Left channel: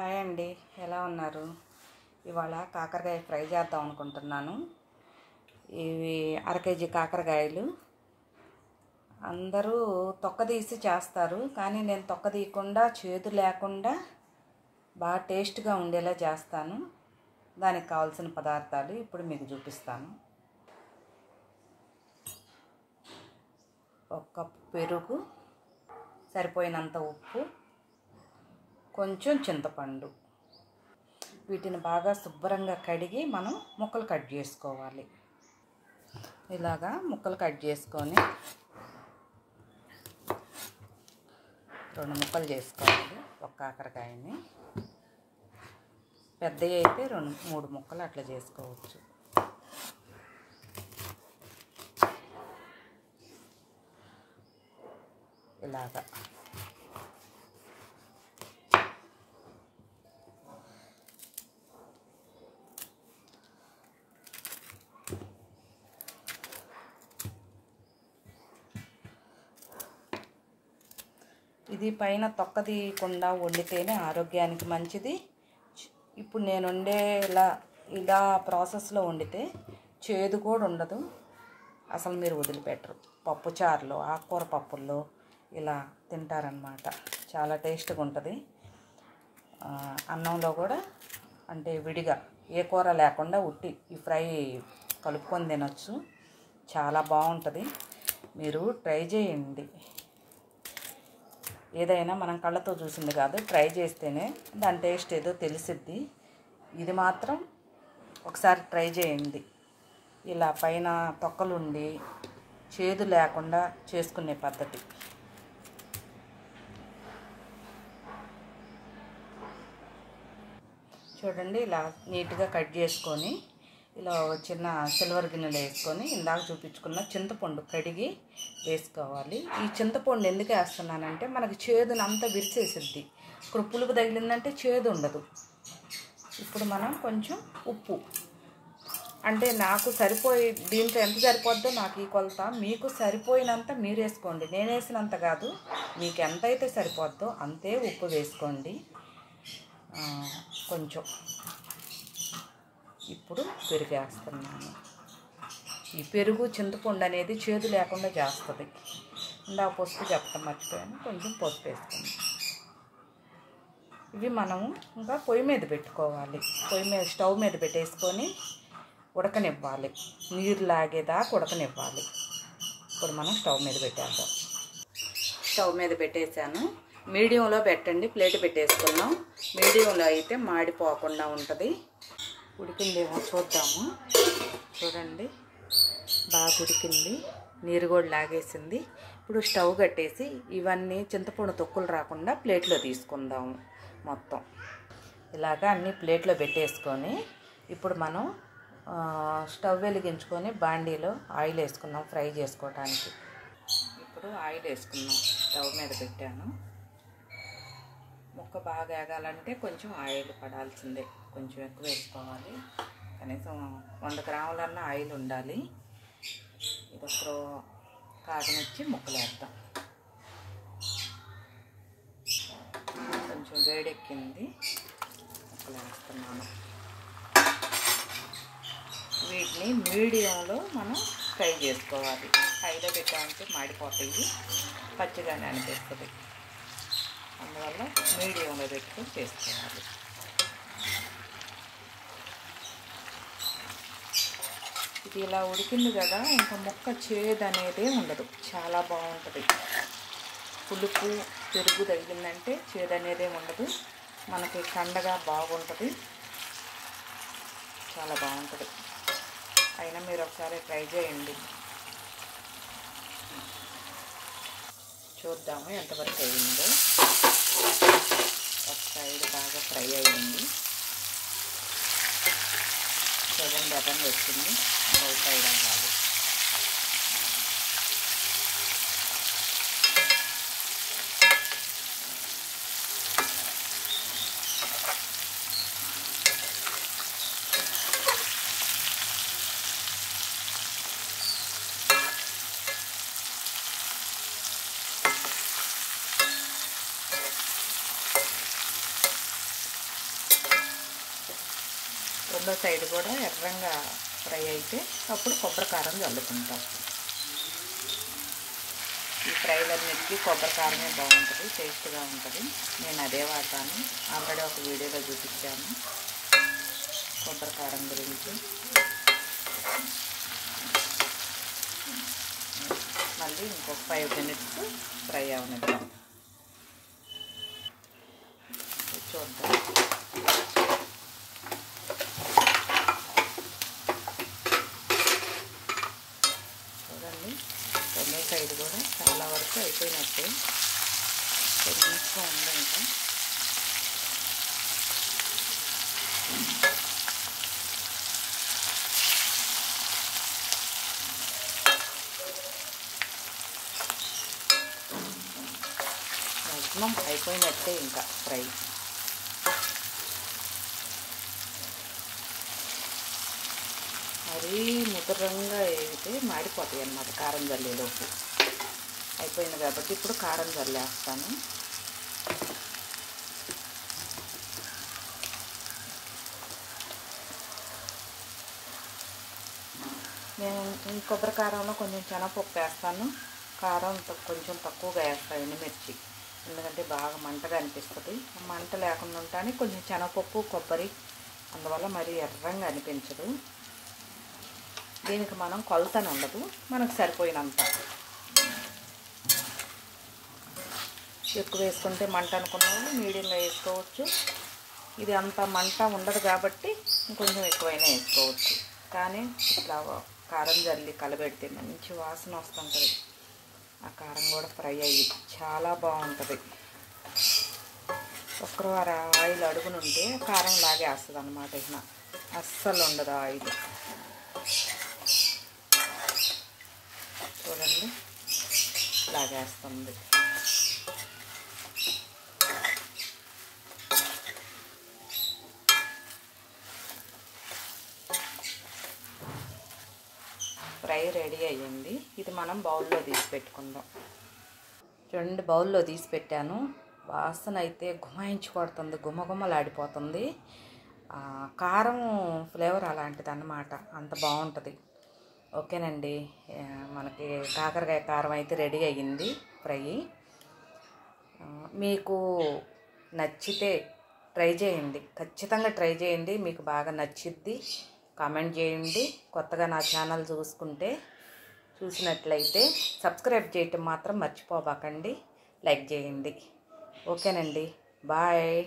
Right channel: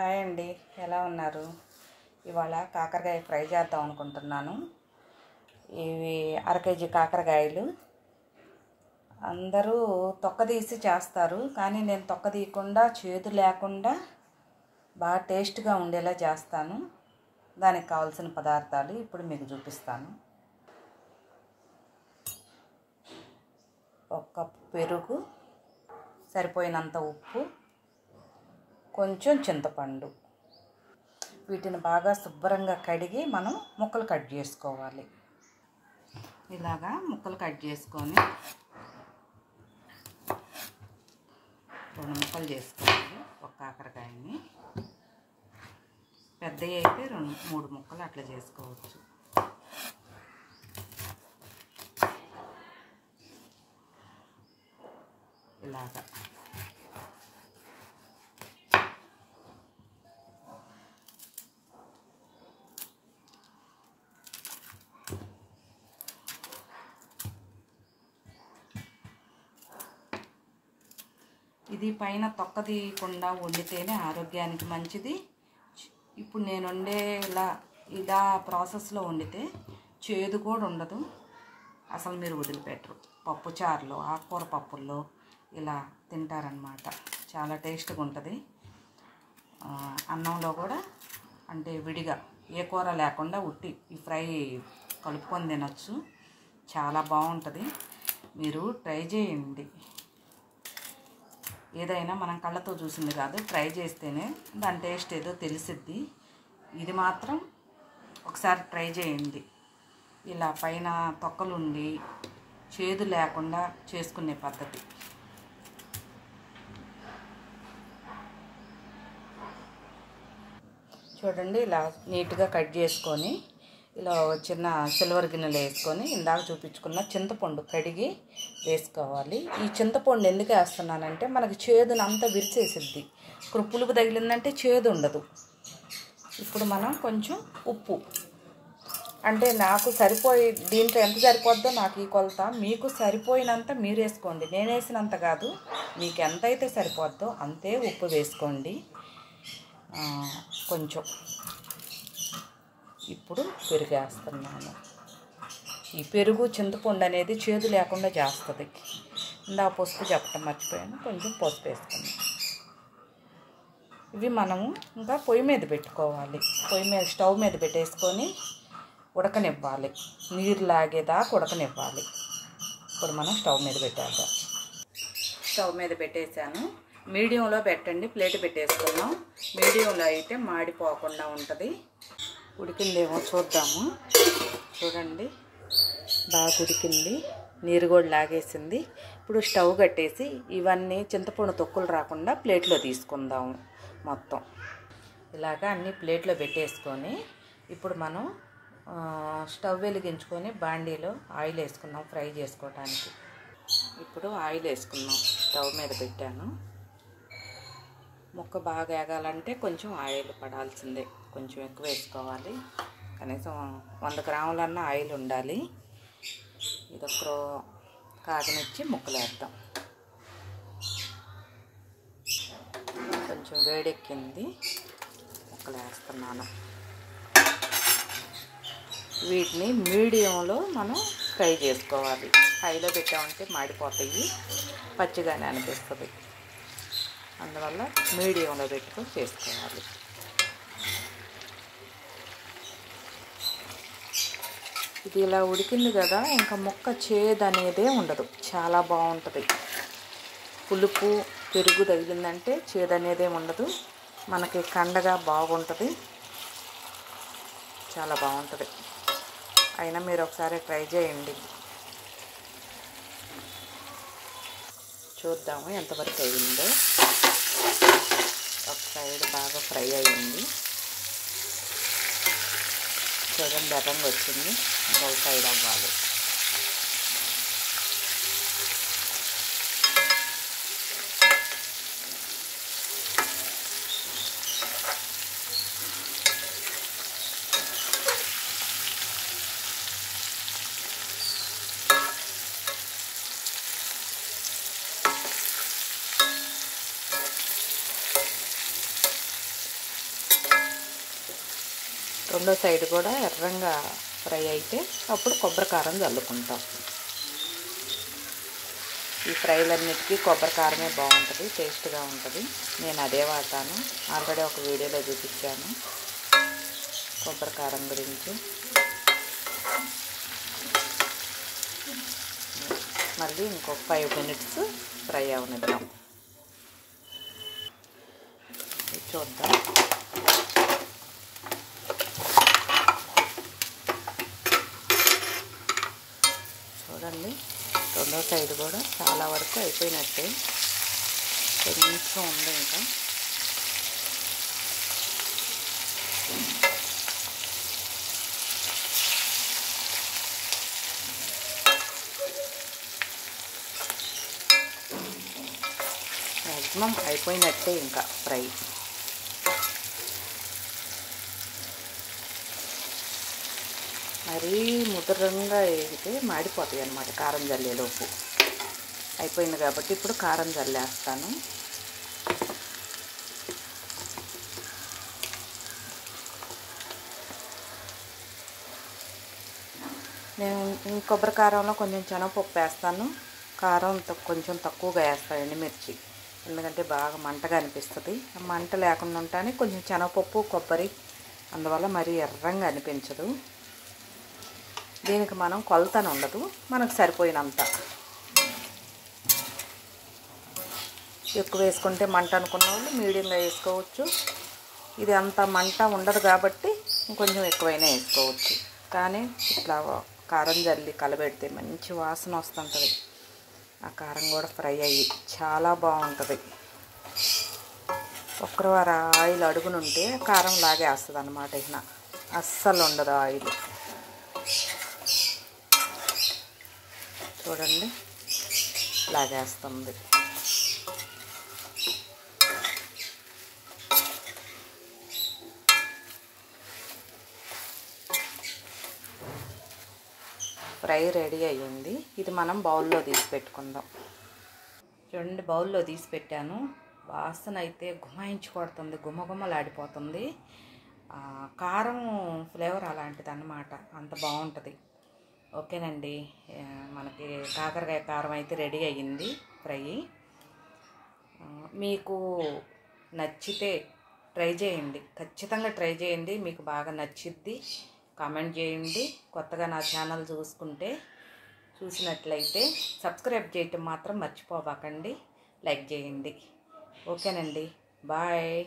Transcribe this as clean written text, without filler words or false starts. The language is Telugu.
హాయ్ అండి, ఎలా ఉన్నారు? ఇవాళ కాకరకాయ ఫ్రై చేద్దాం అనుకుంటున్నాను. ఇవి అర కేజీ కాకరకాయలు. అందరూ తొక్క తీసి చేస్తారు, కానీ నేను తొక్క తీయకుండా చేదు లేకుండా బాగా టేస్ట్గా ఉండేలా చేస్తాను. దానికి కావాల్సిన పదార్థాలు ఇప్పుడు మీకు చూపిస్తాను. 1 కప్పు పెరుగు, సరిపోయినంత ఉప్పు, కొంచెం చింతపండు. వీటిని బాగా శుభ్రంగా కడిగి మనం ముక్కలు కట్ చేసుకోవాలి. ఇలాగా ముక్కలు కట్ చేసుకొని 2 ముక్కలు చేసుకోవాలి. ఒక కాకరకాయని పెద్దవి అయితే 2-3 ముక్కలు అట్లా చేసుకోవచ్చు. ఇలాగా ఇది పైన తొక్క తీయకుండా వండితేనే ఆరోగ్యానికి మంచిది. ఇప్పుడు నేను వండే ఇలా ప్రాసెస్లో వండితే చేదు కూడా ఉండదు. అసలు మీరు వదిలిపెట్టరు. పప్పుచారులో, ఆకుకూర పప్పుల్లో ఇలా తింటారనమాట. చాలా టేస్ట్గా ఉంటుంది. అన్నంలో కూడా అంటే విడిగా ఏ కూర లేకుండా ఉట్టి ఈ ఫ్రై కలుపుకొని తినచ్చు. చాలా బాగుంటుంది. మీరు ట్రై చేయండి. ఏదైనా మనం కళ్ళతో చూసింది కాదు, ట్రై చేస్తేనే దాని టేస్ట్ ఏదో తెలిసిద్ది. ఇది మాత్రం ఒకసారి ట్రై చేయండి. ఇలా పైన తొక్కలుండి చేదు లేకుండా చేసుకునే పద్ధతి. చూడండి, ఇలా నీట్గా కట్ చేసుకొని ఇలా చిన్న సిల్వర్ గిన్నెలో వేసుకొని ఇందాక చూపించుకున్న చింతపండు కడిగి వేసుకోవాలి. ఈ చింతపండు ఎందుకు వేస్తున్నానంటే మనకి చేదును అంతా విరిచేసిద్ది. ఇప్పుడు పులుపు తగిలిందంటే చేదు ఉండదు. ఇప్పుడు మనం కొంచెం ఉప్పు, అంటే నాకు సరిపోయి దీంట్లో ఎంత సరిపోద్దో నాకు ఈ కొలత, మీకు సరిపోయినంత మీరు వేసుకోండి. నేను వేసినంత కాదు, మీకు ఎంత అయితే సరిపోద్దో అంతే ఉప్పు వేసుకోండి. కొంచెం ఇప్పుడు పెరుగు వేస్తున్నాను. ఈ పెరుగు చింతపండు అనేది చేదు లేకుండా చేస్తుంది. ఇందా పసుపు చెప్పడం మర్చిపోయాను, కొంచెం పసుపు వేసుకున్నాను. ఇవి మనము ఇంకా పొయ్యి మీద పెట్టుకోవాలి. స్టవ్ మీద పెట్టేసుకొని ఉడకనివ్వాలి. నీరు లాగేదాకా ఉడకనివ్వాలి. ఇప్పుడు మనం స్టవ్ మీద పెట్టేద్దాం. స్టవ్ మీద పెట్టేసాను. మీడియంలో పెట్టండి. ప్లేట్ పెట్టేసుకున్నాం. మీడియంలో అయితే మాడిపోకుండా ఉంటుంది. ఉడికిందేమో చూద్దాము. చూడండి, బాగా ఉడికింది. నీరు కూడా లాగేసింది. ఇప్పుడు స్టవ్ కట్టేసి ఇవన్నీ చింతపండు తొక్కులు రాకుండా ప్లేట్లో తీసుకుందాము. మొత్తం ఇలాగా అన్నీ ప్లేట్లో పెట్టేసుకొని ఇప్పుడు మనం స్టవ్ వెలిగించుకొని బాండీలో ఆయిల్ వేసుకున్నాం ఫ్రై చేసుకోవడానికి. ఇప్పుడు ఆయిల్ వేసుకున్నాం. స్టవ్ మీద పెట్టాను. ముక్క బాగా వేగాలంటే కొంచెం ఆయిల్ పడాల్సిందే. కొంచెం ఎక్కువ వేసుకోవాలి. కనీసం 100 గ్రాములన్నా ఆయిల్ ఉండాలి. ఇది ఒక కాగనిచ్చి ముక్కలు వేద్దాం. కొంచెం వేడెక్కింది. ముక్కలు వేస్తున్నాను. వీటిని మీడియంలో మనం ఫ్రై చేసుకోవాలి. హైలో పెట్టామంటే మాడిపోతాయి, పచ్చిగానే అనిపిస్తుంది. అందువల్ల మీడియంలో పెట్టుకొని చేసుకోవాలి. ఇది ఇలా ఉడికింది కదా, ఇంకా ముక్క చేదు అనేదే ఉండదు. చాలా బాగుంటుంది. పులుపు పెరుగు తగిలిందంటే చేదు అనేదే ఉండదు. మనకి కండగా బాగుంటుంది. చాలా బాగుంటుంది. అయినా మీరు ఒకసారి ట్రై చేయండి. చూద్దాము ఎంతవరకు అయిందో. ఒక సైడ్ బాగా ఫ్రై అయ్యింది. చూడండి, బటన్ వచ్చింది. ఇంకో సైడ్ అవ్వాలి. రెండో సైడ్ కూడా ఎర్రంగా ఫ్రై అయితే అప్పుడు కొబ్బరి కారం చల్లుకుంటాం. ఈ ఫ్రైలన్నిటికీ కొబ్బరి కారమే బాగుంటుంది, టేస్ట్గా ఉంటుంది. నేను అదే వాడతాను. ఆల్రెడీ ఒక వీడియోలో చూపించాను కొబ్బరి కారం గురించి. మళ్ళీ ఇంకొక 5 minutes ఫ్రై అవనిద్దాం. చూద్దాం. చూడండి, రెండో సైడ్ కూడా చాలా వరకు అయిపోయినట్టే, కొంచెం ఉంది ఇంకా. మ్యాక్సిమం అయిపోయినట్టే ఇంకా ఫ్రై. మరీ ముదరంగా వేగితే మాడిపోతాయి అన్నమాట కారం జల్లేలోపు. అయిపోయింది కాబట్టి ఇప్పుడు కారం జల్లేస్తాను. నేను ఈ కొబ్బరి కారంలో కొంచెం శనగపప్పు వేస్తాను. కారం కొంచెం తక్కువగా వేస్తాను, ఎండుమిర్చి, ఎందుకంటే బాగా మంటగా అనిపిస్తుంది. మంట లేకుండా ఉంటాను కొంచెం శనగపప్పు, కొబ్బరి, అందువల్ల మరీ ఎర్రంగా అనిపించదు. దీనికి మనం కొలతను ఉండదు, మనకు సరిపోయినంత. ఎక్కువ వేసుకుంటే మంట అనుకున్న వాళ్ళు మీడియంగా వేసుకోవచ్చు. ఇది అంత మంట ఉండదు కాబట్టి కొంచెం ఎక్కువైనా వేసుకోవచ్చు. కానీ ఇట్లా కారం జల్లి కలబెడితే మంచి వాసన వస్తుంటుంది. ఆ కారం కూడా ఫ్రై అయ్యి చాలా బాగుంటుంది. ఒక్కవారు ఆయిల్ అడుగునుంటే కారం లాగేస్తుంది అన్నమాట. ఇక అస్సలు ఉండదు ఆయిల్. చూడండి, లాగేస్తుంది. ఫ్రై రెడీ అయ్యింది. ఇది మనం బౌల్లో తీసి పెట్టుకుందాం. చూడండి, బౌల్లో తీసి పెట్టాను. వాసన అయితే గుమాయించి కొడుతుంది, గుమగుమలాడిపోతుంది. కారం ఫ్లేవర్ అలాంటిది అన్నమాట, అంత బాగుంటుంది. ఓకేనండి, మనకి కాకరకాయ కారం అయితే రెడీ అయ్యింది ఫ్రై. మీకు నచ్చితే ట్రై చేయండి, ఖచ్చితంగా ట్రై చేయండి. మీకు బాగా నచ్చిద్ది. కామెంట్ చేయండి. కొత్తగా నా ఛానల్ చూసినట్లయితే సబ్స్క్రైబ్ చేయటం మాత్రం మర్చిపోబాకండి. లైక్ చేయండి. ఓకేనండి, బాయ్.